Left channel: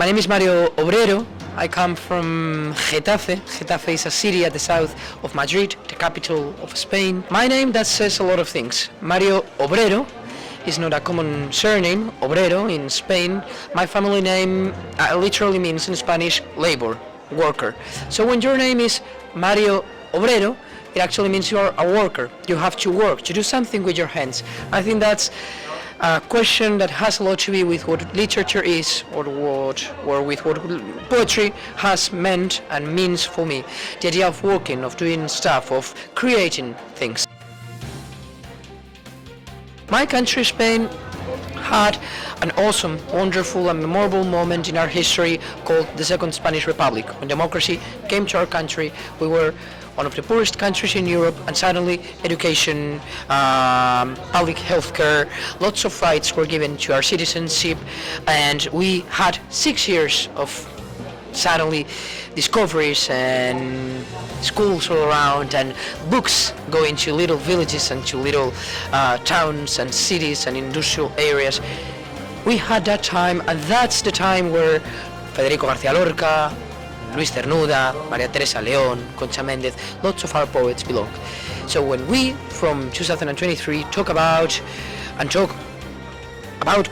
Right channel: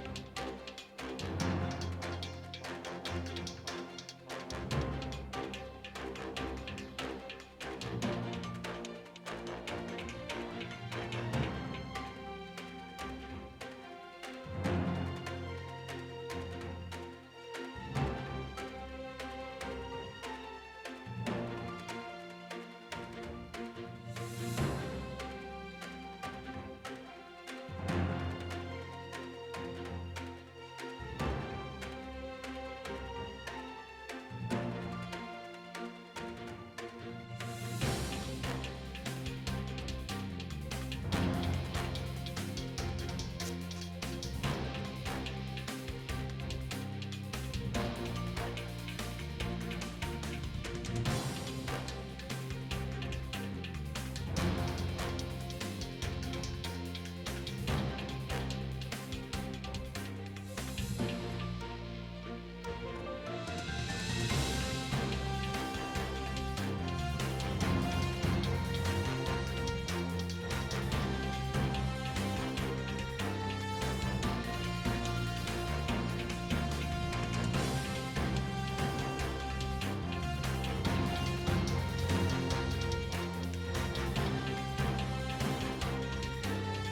My name is Mario Obrero. I come from Getafe. Getafe is a city at the south of Madrid, the capital of Spain. My name, that says a lot of things. Mario Obrero is not a common surname, Obrero in Spain. My family name literally means in Spanish labor, worker. So when your name is Mario Obrero, it actually means you are a worker. You have to work, to do something with your hands. I think that's a question that has a lot to do with what literature is, or with what poetry has meant and means for me. The idea of working, of doing stuff, of creating things. My country, Spain, had an awesome, wonderful and memorable moment in our history called the Second Spanish Republic. When democracy came to our country, we were one of the poorest countries in Europe, and suddenly education, public health care, lots of rights were given to our citizenship, and we had 6 years of suddenly discoveries and schools all around and books going to little villages and to little towns and cities and industrial areas. We had that time, and that's the time where Federico García Lorca, Luis Cernuda, María Teresa León, Concha Méndez, lots of our poets belong. So when we, from 2023, talk about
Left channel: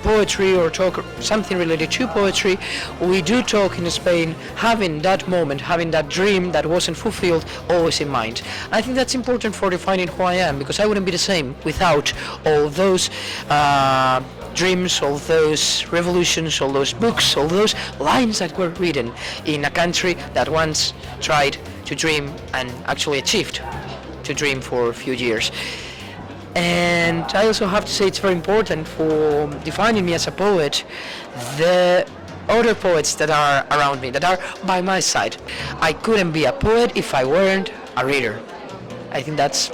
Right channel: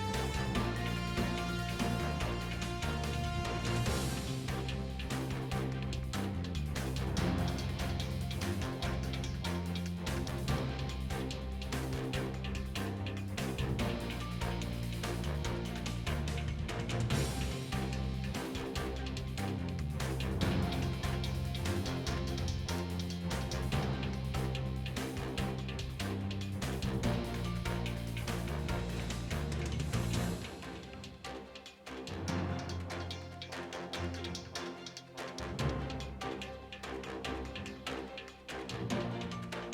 poetry or talk something related to poetry, we do talk in Spain having that moment, having that dream that wasn't fulfilled always in mind. I think that's important for defining who I am, because I wouldn't be the same without all those dreams, all those revolutions, all those books, all those lines that were written in a country that once tried to dream and actually achieved to dream for a few years. And I also have to say it's very important for defining me as a poet, the other poets that are around me, that are by my side. I couldn't be a poet if I weren't a reader. I think that's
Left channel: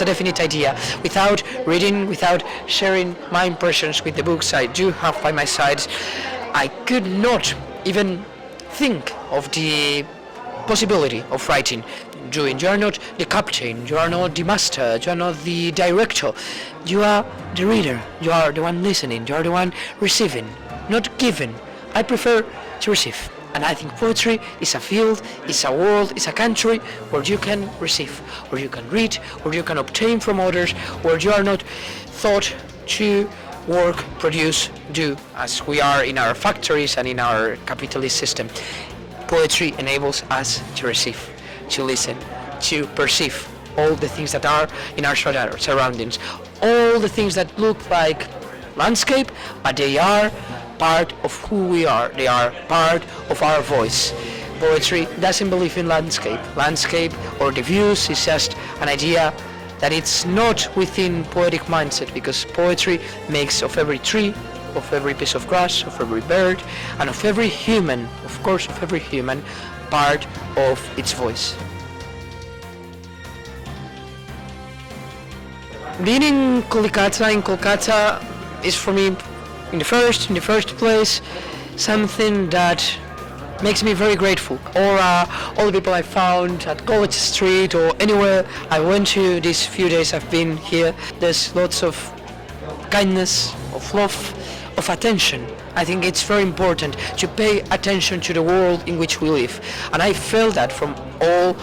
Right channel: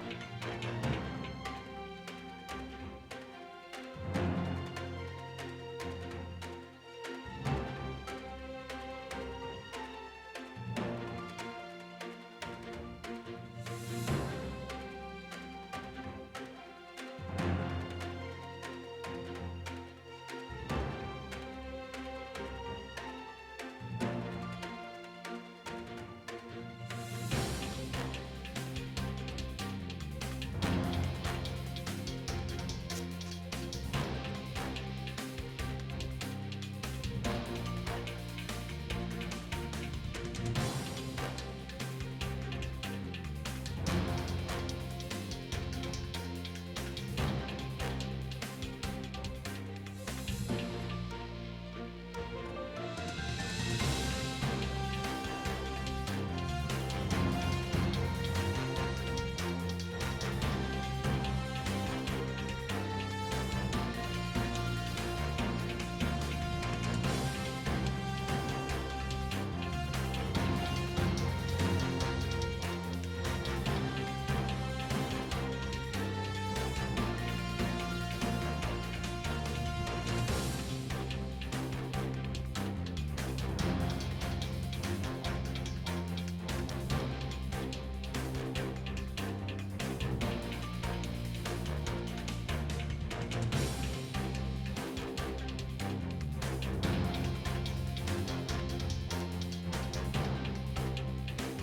a definite idea. Without reading, without sharing my impressions with the books I do have by my side, I could not even think of the possibility of writing. You are not the captain, you are not the master, you are not the director, you are the reader, you are the one listening, you are the one receiving, not giving. I prefer to receive, and I think poetry is a field, is a world, is a country where you can receive, where you can read, where you can obtain from others, where you are not thought to work, produce, do, as we are in our factories and in our capitalist system. Poetry enables us to receive, to listen, to perceive all the things that are in our surroundings, all the things that look like landscape, but they are part of who we are, they are part of our voice. Poetry doesn't believe in landscape. Landscape or the views is just an idea that it's not within poetic mindset, because poetry makes of every tree, of every piece of grass, of every bird, and of every human, of course of every human, part of its voice. Being in Kolkata is for me, in the first place, something that makes me very grateful. Or all the people I found at College Street or anywhere I went to these few days I've been here, there's lots of kindness, of love, of attention. I think it's very important to pay attention to the world in which we live, and I felt that from all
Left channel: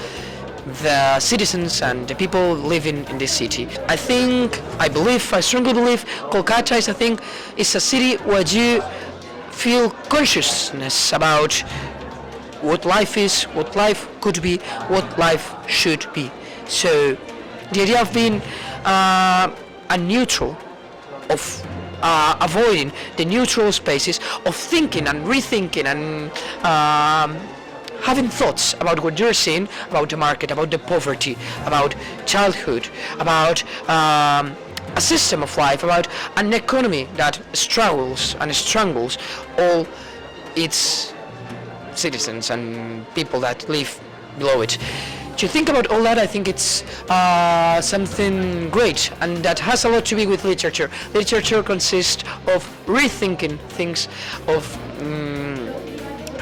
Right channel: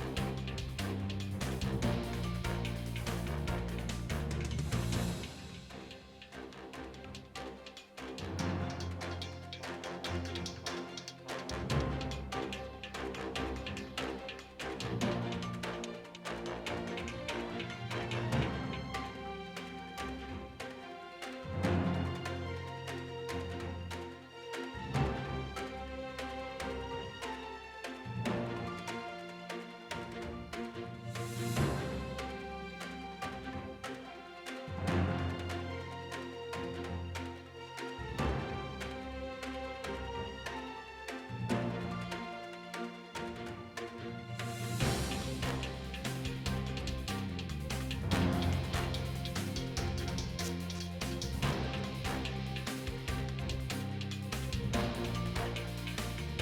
the citizens and the people living in this city. I strongly believe Kolkata is a city where you feel consciousness about what life is, what life could be, what life should be. So the idea of being a neutral, of avoiding the neutral spaces, of thinking and rethinking and having thoughts about what you're seeing, about the market, about the poverty, about childhood, about a system of life, about an economy that struggles and strangles all its citizens and people that live below it. To think about all that, I think it's something great, and that has a lot to do with literature. Literature consists of rethinking things, of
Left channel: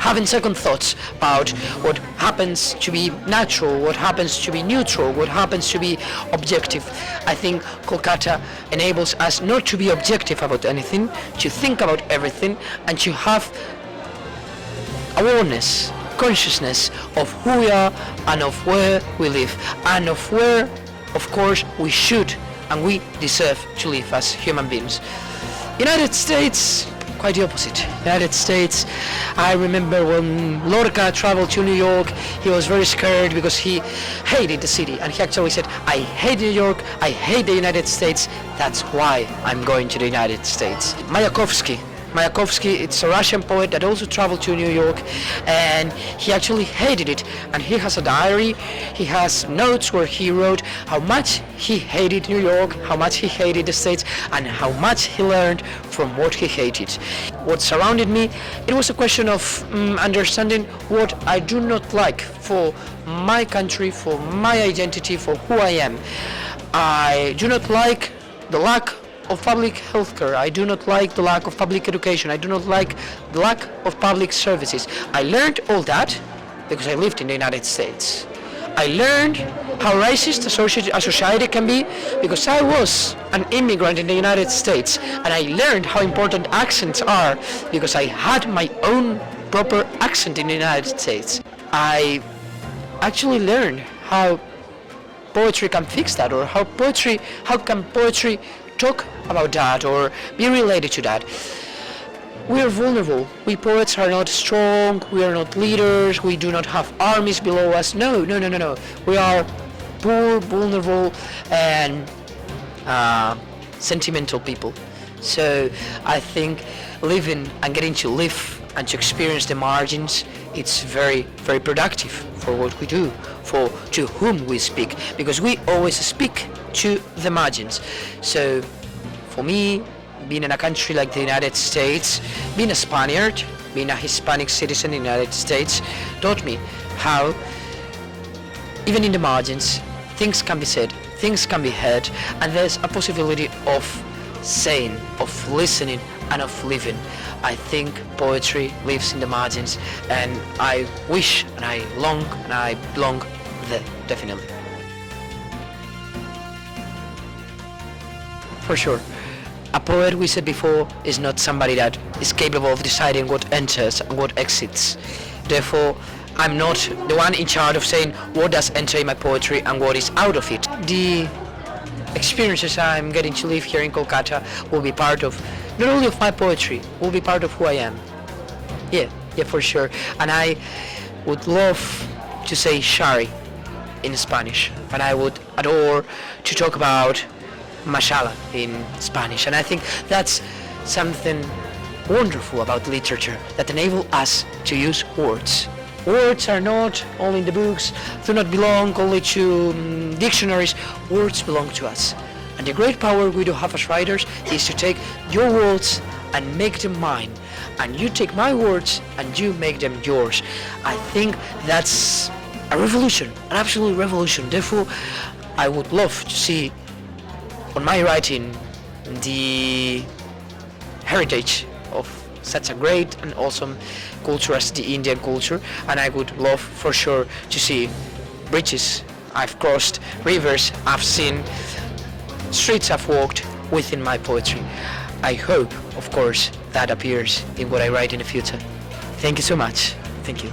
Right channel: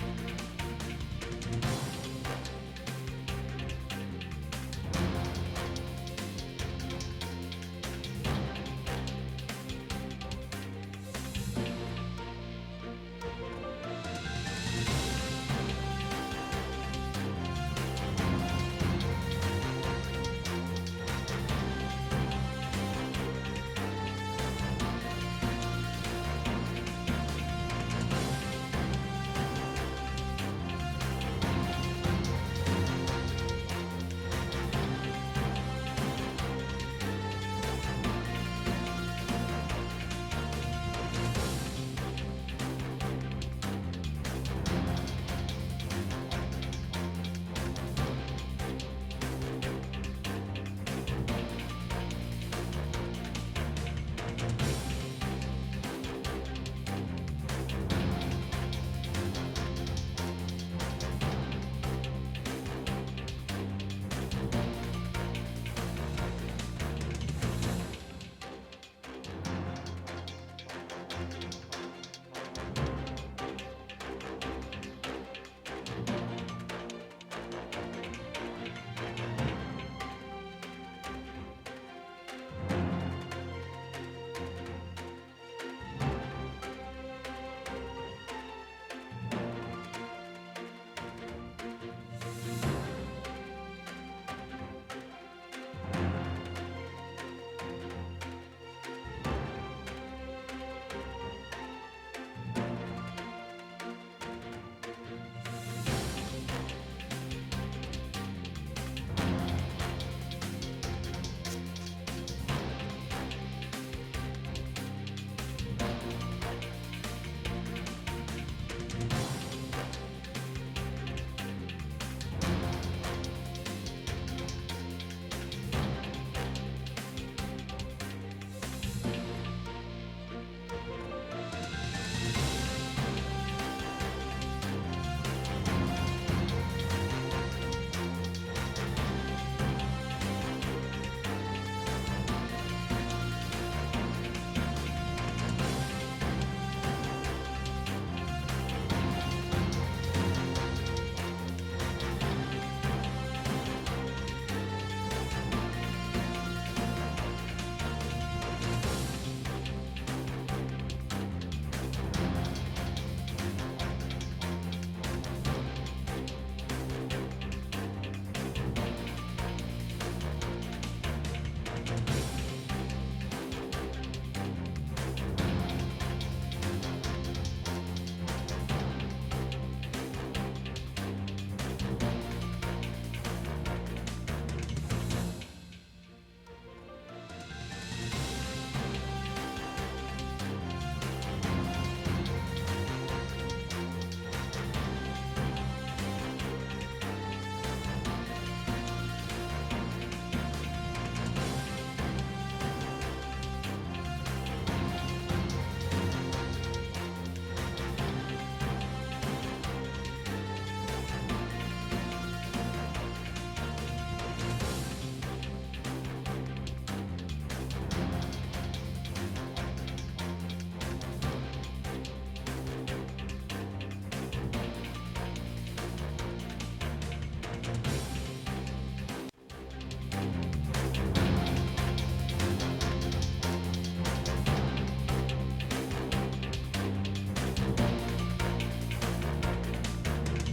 having second thoughts about what happens to be natural, what happens to be neutral, what happens to be objective. I think Kolkata enables us not to be objective about anything, to think about everything, and to have awareness, consciousness of who we are and of where we live, and of where, of course, we should and we deserve to live as human beings. United States, quite the opposite. United States, I remember when Lorca traveled to New York, he was very scared because he hated the city, and he actually said, I hate New York, I hate the United States, that's why I'm going to the United States. Mayakovsky, it's a Russian poet that also traveled to New York, and he actually hated it, and he has a diary, he has notes where he wrote how much he hated New York, how much he hated the States, and how much he learned from what he hated. What surrounded me, it was a question of understanding what I do not like for my country, for my identity, for who I am. I do not like the lack of public healthcare. I do not like the lack of public education. I do not like the lack of public services. I learned all that because I lived in the United States. I learned how racist a society can be because I was an immigrant in the United States, and I learned how important accents are because I had my own proper accent in the United States. I actually learned how poetry can fix that, or how can poetry talk about that or be related to that. We are vulnerable. We poets are not strong, we are not leaders, we do not have armies below us. No. We are poor, vulnerable, and sentimental people. So I think living and getting to live and to experience the margins, it's very, very productive for what we do, for to whom we speak, because we always speak to the margins. So for me, being in a country like the United States, being a Spaniard, being a Hispanic citizen in the United States, taught me how, even in the margins, things can be said, things can be heard, and there's a possibility of saying, of listening, and of living. I think poetry lives in the margins, and I wish, and I long, and I belong there, definitely. For sure. A poet, we said before, is not somebody that is capable of deciding what enters and what exits. Therefore, I'm not the one in charge of saying what does enter in my poetry and what is out of it. The experiences I'm getting to live here in Kolkata will be part of, not only of my poetry, will be part of who I am. Yeah, for sure. And I would love to say Shari in Spanish, and I would adore to talk about Mashallah in Spanish, and I think that's something wonderful about literature, that enable us to use words. Words are not only in the books, do not belong only to dictionaries, words belong to us. And the great power we do have as writers is to take your words and make them mine, and you take my words and you make them yours. I think that's a revolution, an absolute revolution. Therefore, I would love to see on my writing the heritage of such a great and awesome culture as the Indian culture, and I would love for sure to see bridges I've crossed, rivers I've seen, streets I've walked within my poetry. I hope, of course, that appears in what I write in the future. Thank you so much. Thank you.